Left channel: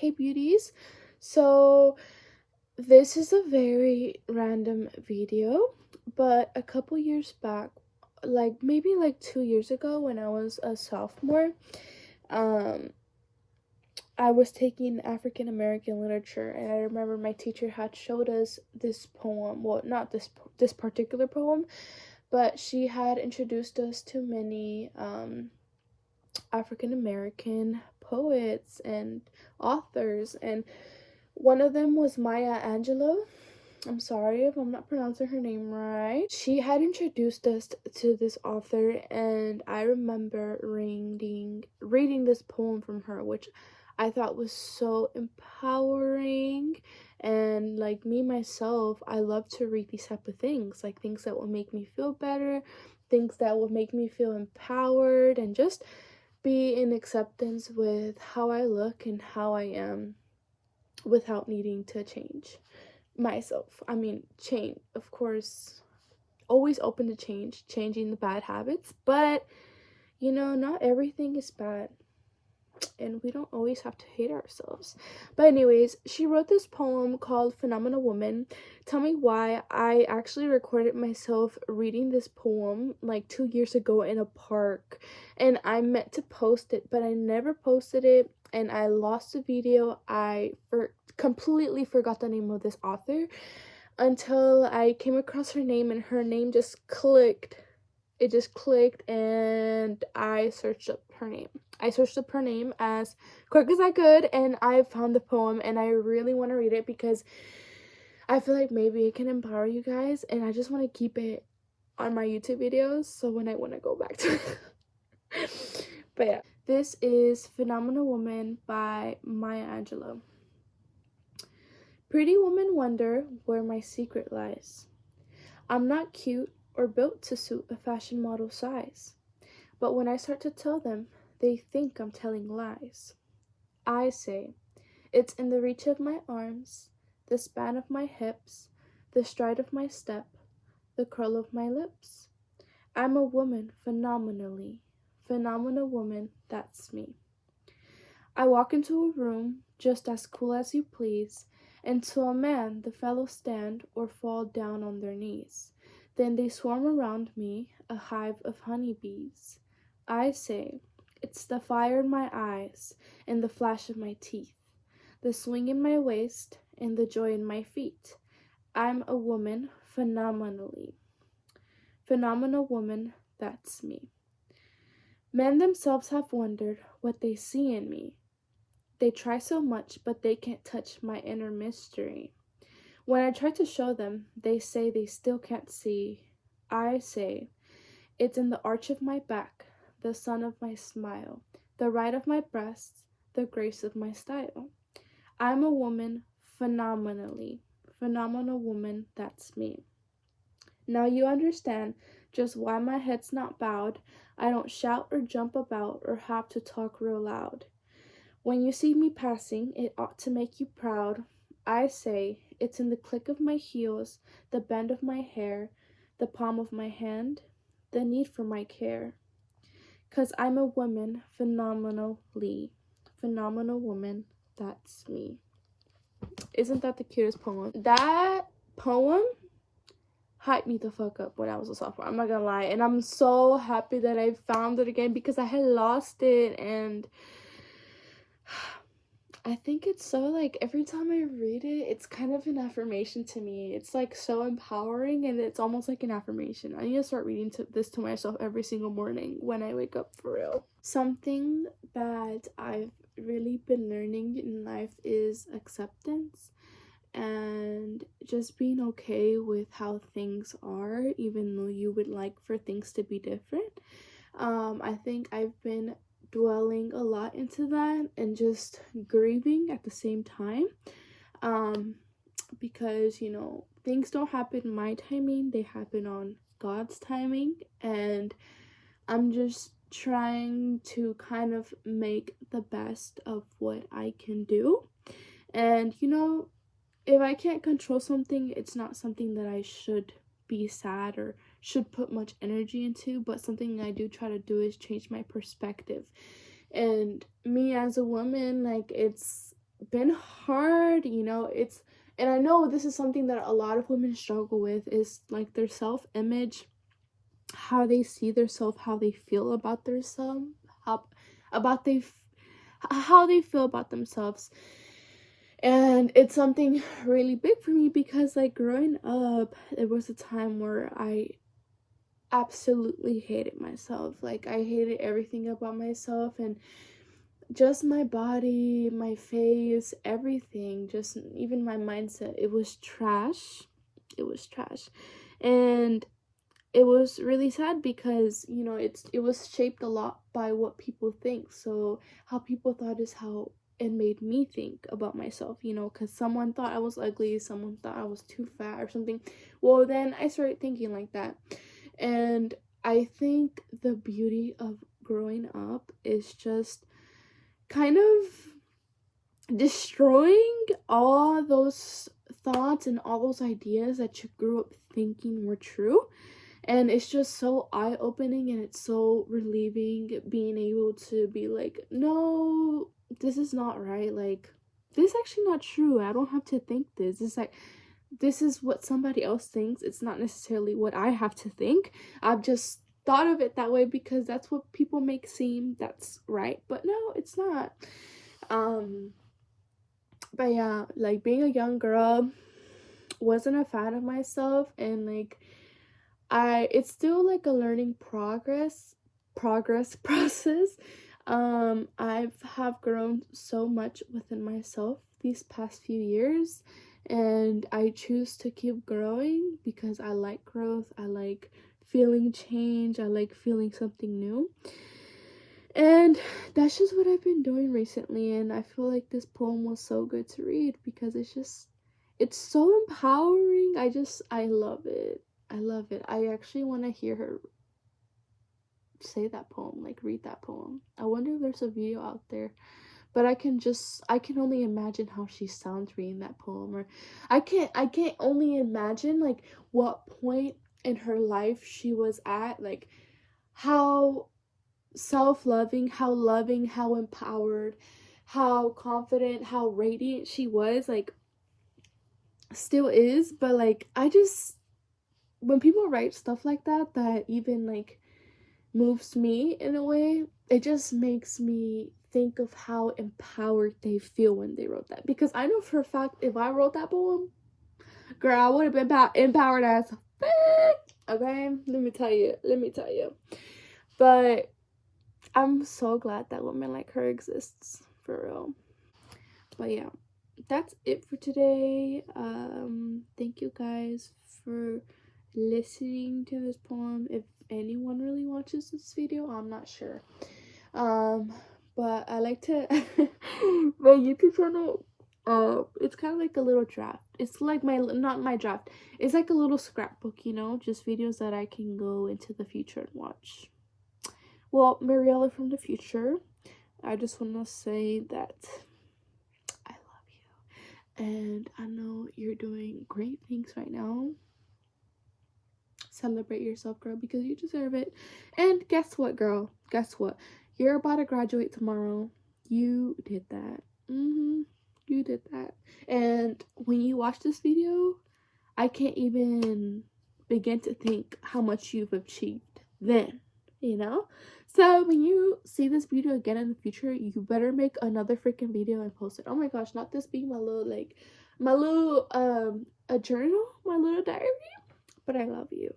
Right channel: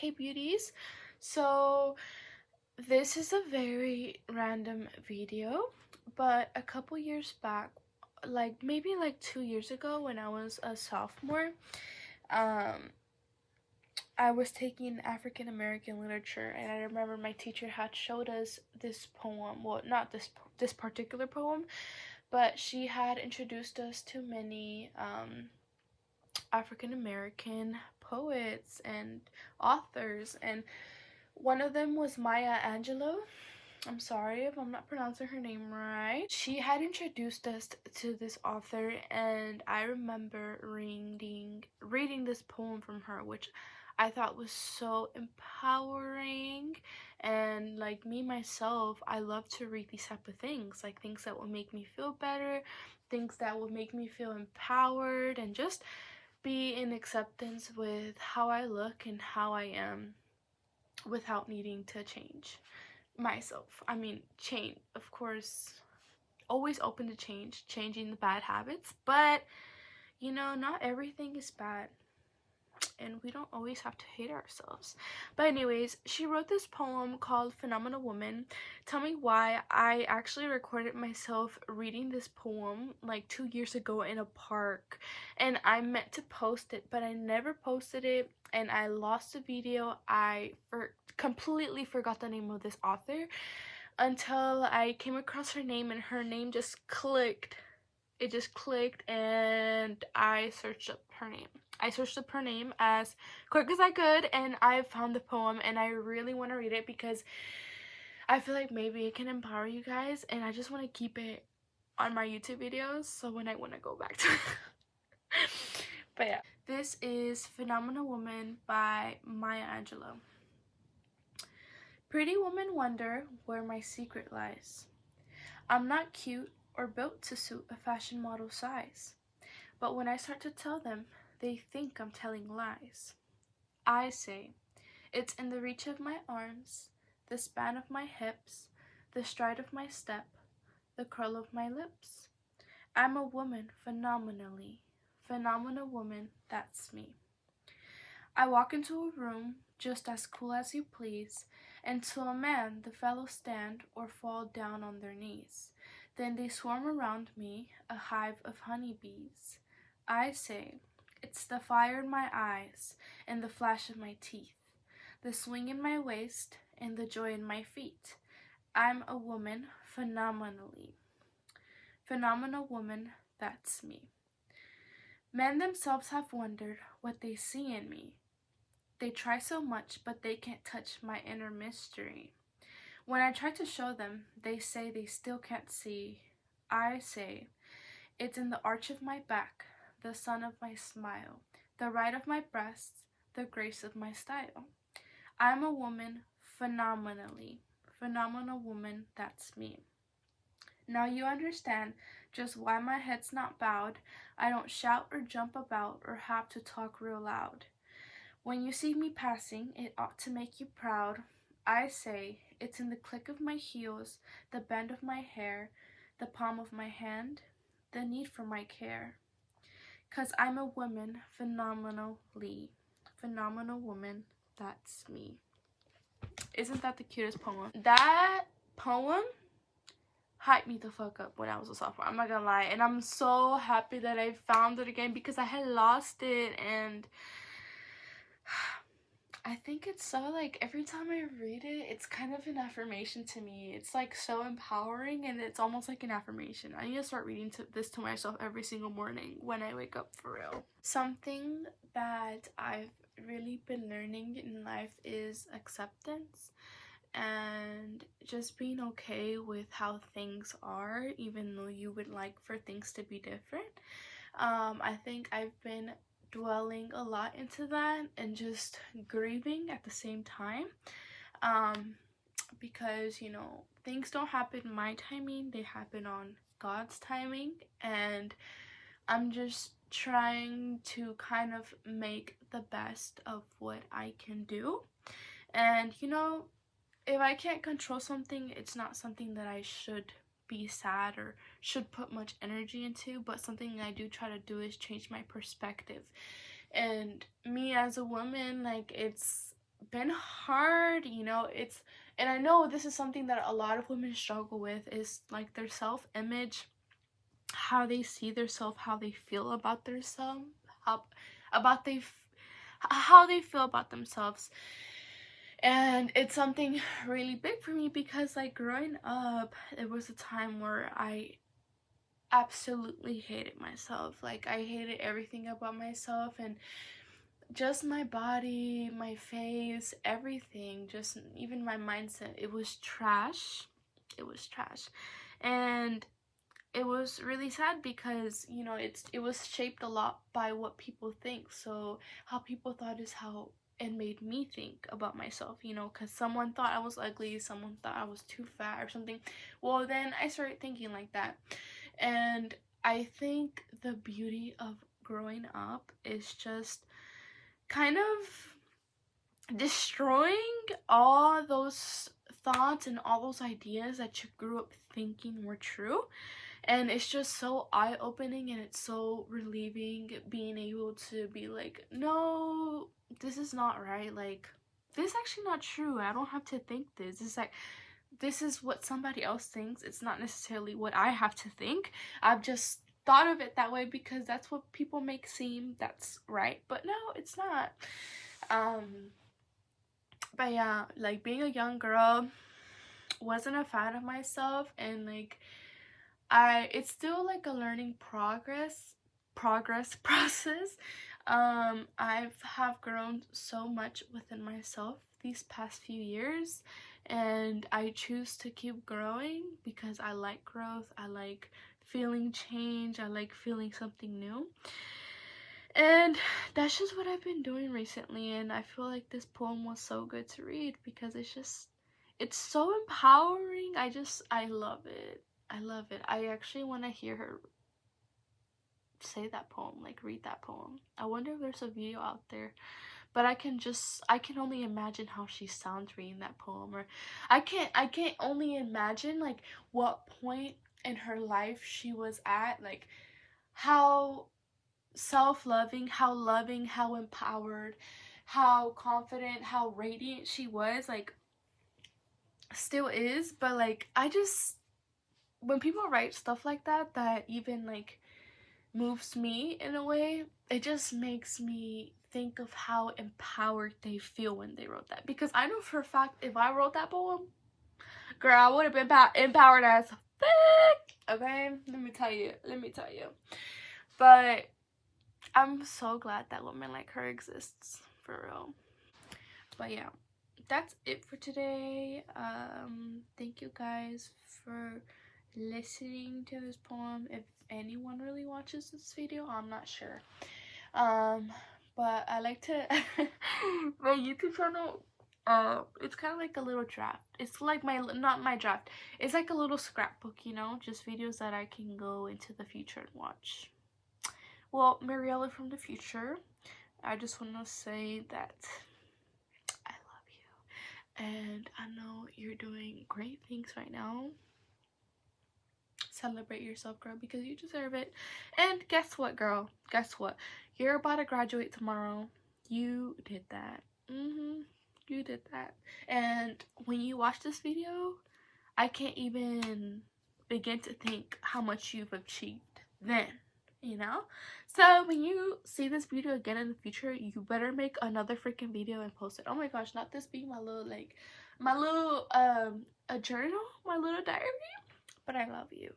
Hey beauties, so this is a very random video, but a couple years back, like maybe like 2 years ago when I was a sophomore, um I was taking African American literature, and I remember my teacher had showed us this poem. Well, not this particular poem, but she had introduced us to many African American poets and authors, and one of them was Maya Angelou. I'm sorry if I'm not pronouncing her name right. She had introduced us to this author, and I remember reading this poem from her, which I thought was so empowering. And like me myself, I love to read these type of things, like things that will make me feel better, things that will make me feel empowered, and just be in acceptance with how I look and how I am without needing to change myself. I mean, change, of course, always open to changing the bad habits, but not everything is bad, and we don't always have to hate ourselves. But anyways, she wrote this poem called Phenomenal Woman. Tell me why. I actually recorded myself reading this poem like 2 years ago in a park, and I meant to post it, but I never posted it, and I lost the video. Completely forgot the name of this author until I came across her name, and her name just clicked. It just clicked, and I searched up her name. I searched up her name as quick as I could, and I found the poem, and I really want to read it because I feel like maybe it can empower you guys, and I just want to keep it on my YouTube videos so when I want to go back to it. But yeah, this is Phenomenal Woman by Maya Angelou. Pretty women wonder where my secret lies. I'm not cute or built to suit a fashion model size, but when I start to tell them, they think I'm telling lies. I say, it's in the reach of my arms, the span of my hips, the stride of my step, the curl of my lips. I'm a woman phenomenally, phenomenal woman, that's me. I walk into a room just as cool as you please, and to a man the fellows stand or fall down on their knees. Then they swarm around me, a hive of honeybees. I say, it's the fire in my eyes and the flash of my teeth, the swing in my waist and the joy in my feet. I'm a woman phenomenally. Phenomenal woman, that's me. Men themselves have wondered what they see in me. They try so much, but they can't touch my inner mystery. When I try to show them, they say they still can't see. I say, it's in the arch of my back, the sun of my smile, the right of my breasts, the grace of my style. I'm a woman phenomenally. Phenomenal woman, that's me. Now you understand just why my head's not bowed. I don't shout or jump about or have to talk real loud. When you see me passing, it ought to make you proud. I say, it's in the click of my heels, the bend of my hair, the palm of my hand, the need for my care. 'Cause I'm a woman phenomenally. Phenomenal woman, that's me. Isn't that the cutest poem? That poem hyped me the fuck up when I was a sophomore. I'm not gonna lie. And I'm so happy that I found it again because I had lost it, and I think it's so, like, every time I read it, it's kind of an affirmation to me. It's like so empowering, and it's almost like an affirmation. I need to start reading this to myself every single morning when I wake up, for real. Something that I've really been learning in life is acceptance and just being okay with how things are, even though you would like for things to be different. I think I've been dwelling a lot into that and just grieving at the same time, because things don't happen in my timing, they happen on God's timing, and I'm just trying to kind of make the best of what I can do. And if I can't control something, it's not something that I should be sad or should put much energy into, but something I do try to do is change my perspective. And me as a woman, like, it's been hard, you know. It's and I know this is something that a lot of women struggle with, is like their self-image, how they see themselves, how they feel about themselves, how about they how they feel about themselves. And it's something really big for me because like growing up, it was a time where I absolutely hated myself. Like I hated everything about myself, and just my body, my face, everything, just even my mindset. It was trash. It was trash. And it was really sad because, you know, it was shaped a lot by what people think. So how people thought is how it made me think about myself, you know, because someone thought I was ugly, someone thought I was too fat or something. Well, then I started thinking like that. And I think the beauty of growing up is just kind of destroying all those thoughts and all those ideas that you grew up thinking were true. And it's just so eye-opening, and it's so relieving being able to be like, no, this is not right. Like, this is actually not true. I don't have to think this. It's like, this is what somebody else thinks. It's not necessarily what I have to think. I've just thought of it that way because that's what people make seem that's right. But no, it's not. Um, but yeah, like being a young girl, wasn't a fan of myself, and like it's still like a learning progress process. I've have grown so much within myself these past few years, and I choose to keep growing because I like growth. I like feeling change. I like feeling something new. And that's just what I've been doing recently, and I feel like this poem was so good to read because it's so empowering. I love it. I love it. I actually want to hear her say that poem, like read that poem. I wonder if there's a video out there, but I can only imagine how she sounds reading that poem, or I can't only imagine like what point in her life she was at, like how self-loving, how loving, how empowered, how confident, how radiant she was, like still is. But like I just, when people write stuff like that that even like moves me in a way, it just makes me think of how empowered they feel when they wrote that. Because I know for a fact if I wrote that poem, girl, I would have been empowered as fuck. Okay, let me tell you. But I'm so glad that women like her exists, for real. But yeah, that's it for today. Thank you guys for listening to this poem. If anyone really watches this video, I'm not sure. Um, but I like to my YouTube channel. It's kind of like a little draft. It's like my, not my draft. It's like a little scrapbook, you know, just videos that I can go into the future and watch. Well, Mariella from the future, I just want to say that I love you. And I know you're doing great things right now. Celebrate yourself, girl, because you deserve it. And guess what, girl? Guess what? You're about to graduate tomorrow. You did that. You did that. And when you watch this video, I can't even begin to think how much you've achieved then, you know? So when you see this video again in the future, you better make another freaking video and post it. Oh my gosh, not this being my little, like, my little, a journal, my little diary. But I love you.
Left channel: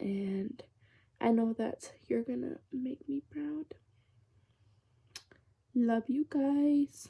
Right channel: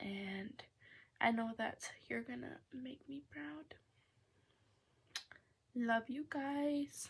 And I know that you're gonna make me proud. Love you guys.